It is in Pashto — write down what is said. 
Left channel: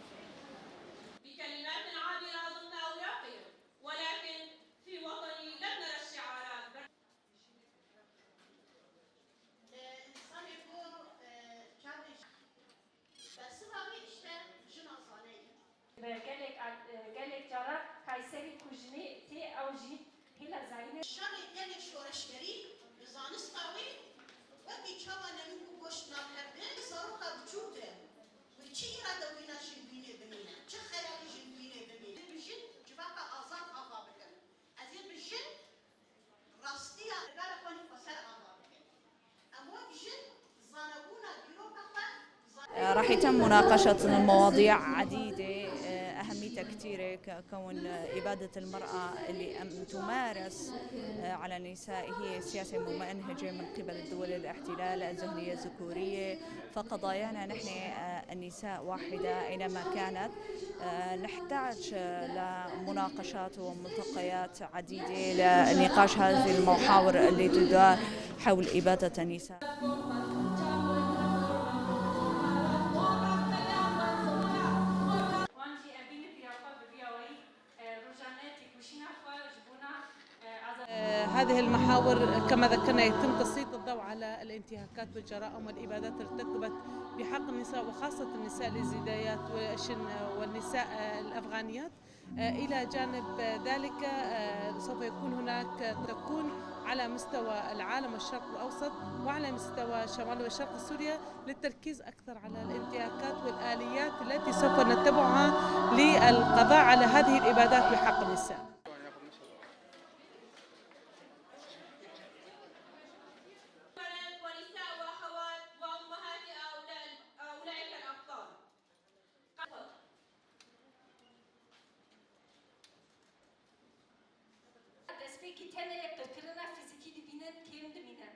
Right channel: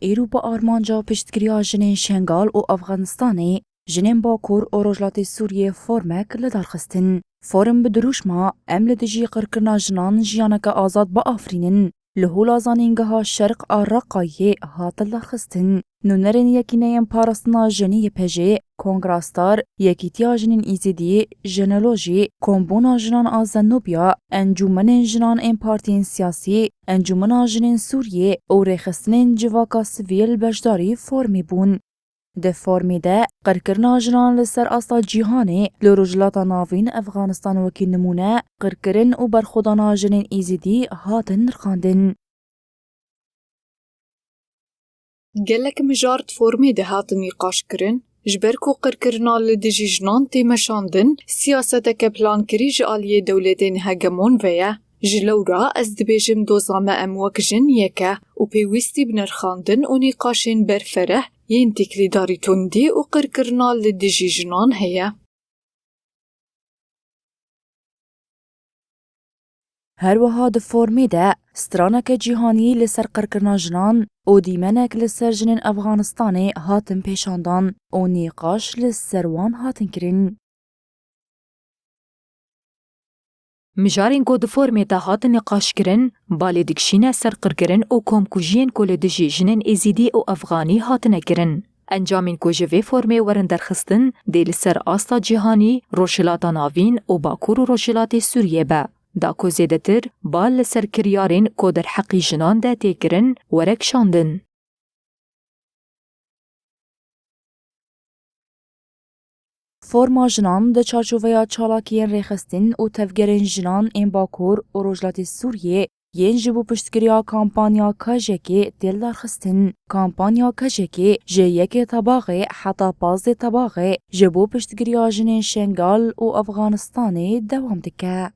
ایرو با آرمانجا پشتگیریا جنین شنگال و افغانستانی جنین باکور و رجلات سوریه فرمک لدارخستن. فورم بدروش ما امل دجی قرکرنا جنان جیانک آزاد با آفرینن. لهولا زانینگها شرق آرقایه هاتل دارخستن. نونرین یکینه پارسنا جنی پجه، کنگراستار، یکیتیا جنین ایزیدی، جنولوژی، کمبونا جنان آزنوبیا، انجومن جنان این پارتین سیاسی، انجومن جنین سوریه او رخصتن جواکا سویل بجداری فرمی بون. ده فرمی ده قرکرنا جنان لسر اصلا جیهانه لرجلاتا ناوین افغانستان وکی نمونه قرکرن و برخودانا جنین ایزیدی هاتن رخاندن. راح يتم مناقشة مواضيع عديدة. گلک مجارت فرمی ده هات نقاش کرن جبرکو قرکرنا لدجی جنان تیمشاندن سیاست که پلان کری جالیه دولتین هگمون ویا جلورا از دبیجم دوزامه اموک جن یکه و پیوستی بنرخاندن و نقاشین برفره ین تکلی داری تندی و قرکرنا لدجی جنان هیا نقاش هذه المحاور اللي تدار حول إبادة النساء. هر وها ده فرمی ده سترانک جیهانی لسر قرکرنا جنان و دیمنک لسر جنین افغانستانی هاتن پیشاندان و نیقاش لسر وان هاتن کرن. هذه المحاور كما ذكرنا يتم تسليط مجارین کو د فرمې ته هات نقاش کرن بالې دکشینه سر قرکرن او کوم کوجین کول د جنین ازیدی او افغانی هات نکرن انجامین کو جوی فرمې ورن درخستن د لسر آستا جهانی روشلاتا ناوین او باکور روشلات سوریه به دا کو زیدتر بال لسر کریارین کو در حقی جنان ده تکرن ورک شاندن التي سوف نتبعها للقضاء على هذه الإبادات بحق النساء. فرما جنان ده چارچوبه چالاکیین ریخستین و تفگرین جنان این باکور و رجلات سوریه ین جبو پشتگریا کامپانیا کاجکی دل دارخستن. کامپانیا کاجکی جه یک طباقه حتی 15 طباقه جبو پشتگریا جنین شنگال و افغانستانی دوام دکه.